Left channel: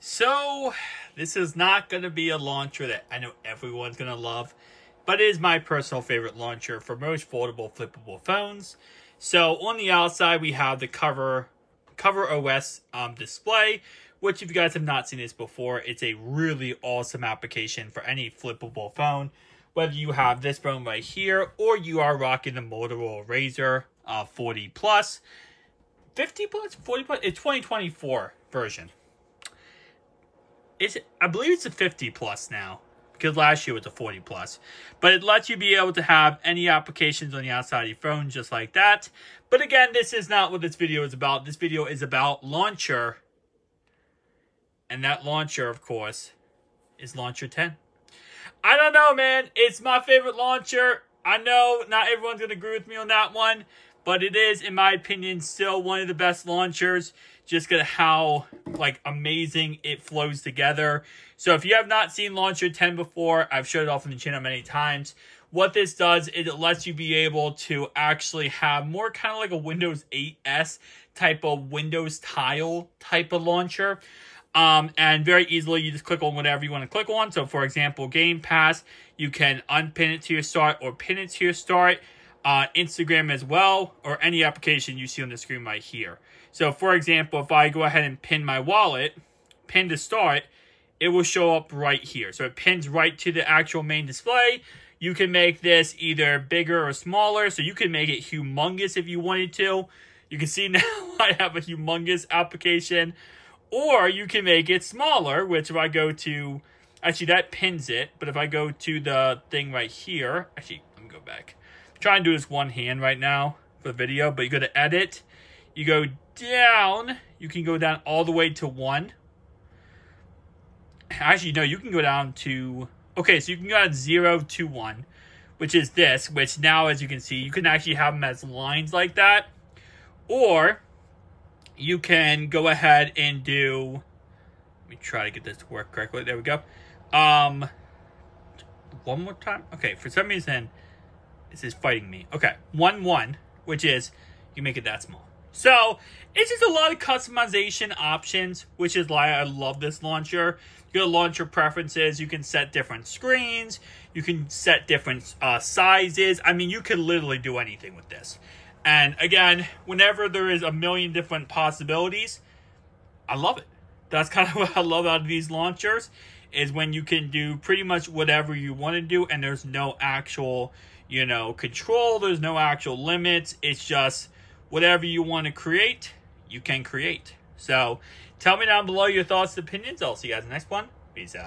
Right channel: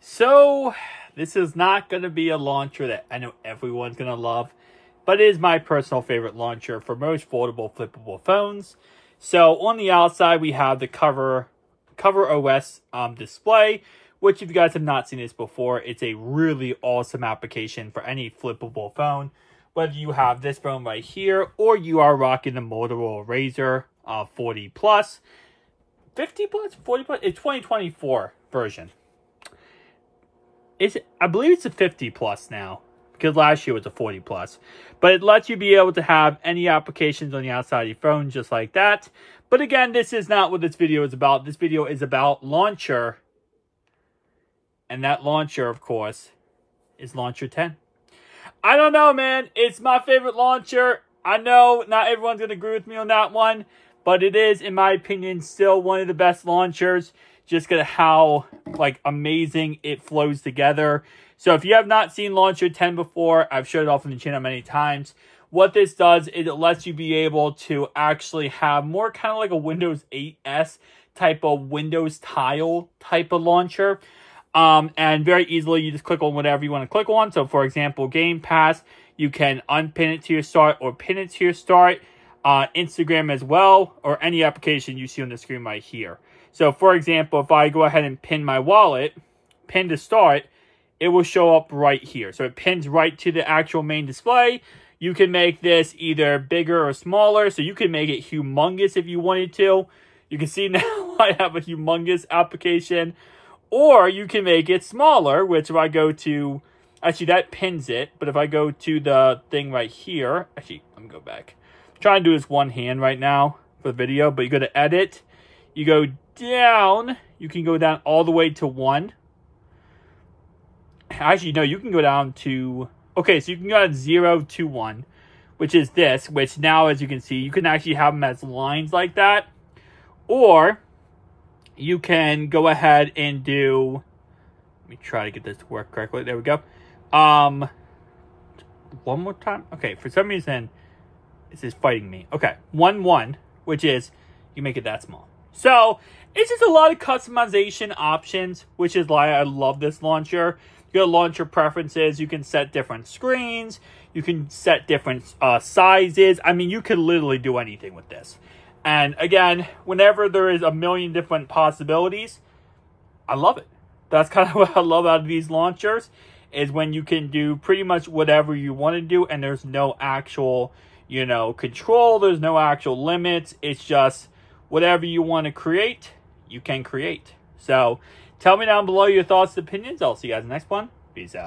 So, this is not going to be a launcher that I know everyone's going to love, but it is my personal favorite launcher for most foldable, flippable phones. So, on the outside, we have the Cover OS display, which if you guys have not seen this before, it's a really awesome application for any flippable phone. Whether you have this phone right here, or you are rocking the Motorola Razr 40 Plus, 50 Plus, 40 Plus, it's 2024 version. I believe it's a 50 Plus now, because last year was a 40 Plus. But it lets you be able to have any applications on the outside of your phone just like that. But again, this is not what this video is about. This video is about launcher. And that launcher, of course, is Launcher 10. I don't know, man. It's my favorite launcher. I know not everyone's going to agree with me on that one. But it is, in my opinion, still one of the best launchers. Just because of how, amazing it flows together. So if you have not seen Launcher 10 before, I've showed it off on the channel many times. What this does is it lets you be able to actually have more kind of like a Windows 8S type of Windows tile type of launcher. And very easily, you just click on whatever you want to click on. So, for example, Game Pass, you can unpin it to your start or pin it to your start. Instagram as well, or any application you see on the screen right here. So, for example, if I go ahead and pin my wallet, pin to start, it will show up right here. So, it pins right to the actual main display. You can make this either bigger or smaller. So, you can make it humongous if you wanted to. You can see now I have a humongous application. Or you can make it smaller, which if I go to... Actually, that pins it. But if I go to the thing right here... Actually, let me go back. I'm trying to do this one hand right now for the video. But you go to Edit. You go down. You can go down all the way to 1. Actually, no, you can go down to... Okay, so you can go down 0 to 1. Which is this. Which now, as you can see, you can actually have them as lines like that. Or... you can go ahead and do, let me try to get this to work correctly. There we go. One more time. Okay, for some reason, this is fighting me. Okay, 1, 1, which is, you make it that small. So, it's just a lot of customization options, which is why I love this launcher. You got launcher preferences. You can set different screens. You can set different sizes. I mean, you can literally do anything with this. And again, whenever there is a million different possibilities, I love it. That's kind of what I love out of these launchers, is when you can do pretty much whatever you want to do, and there's no actual, control. There's no actual limits. It's just whatever you want to create, you can create. So tell me down below your thoughts and opinions. I'll see you guys in the next one. Peace out.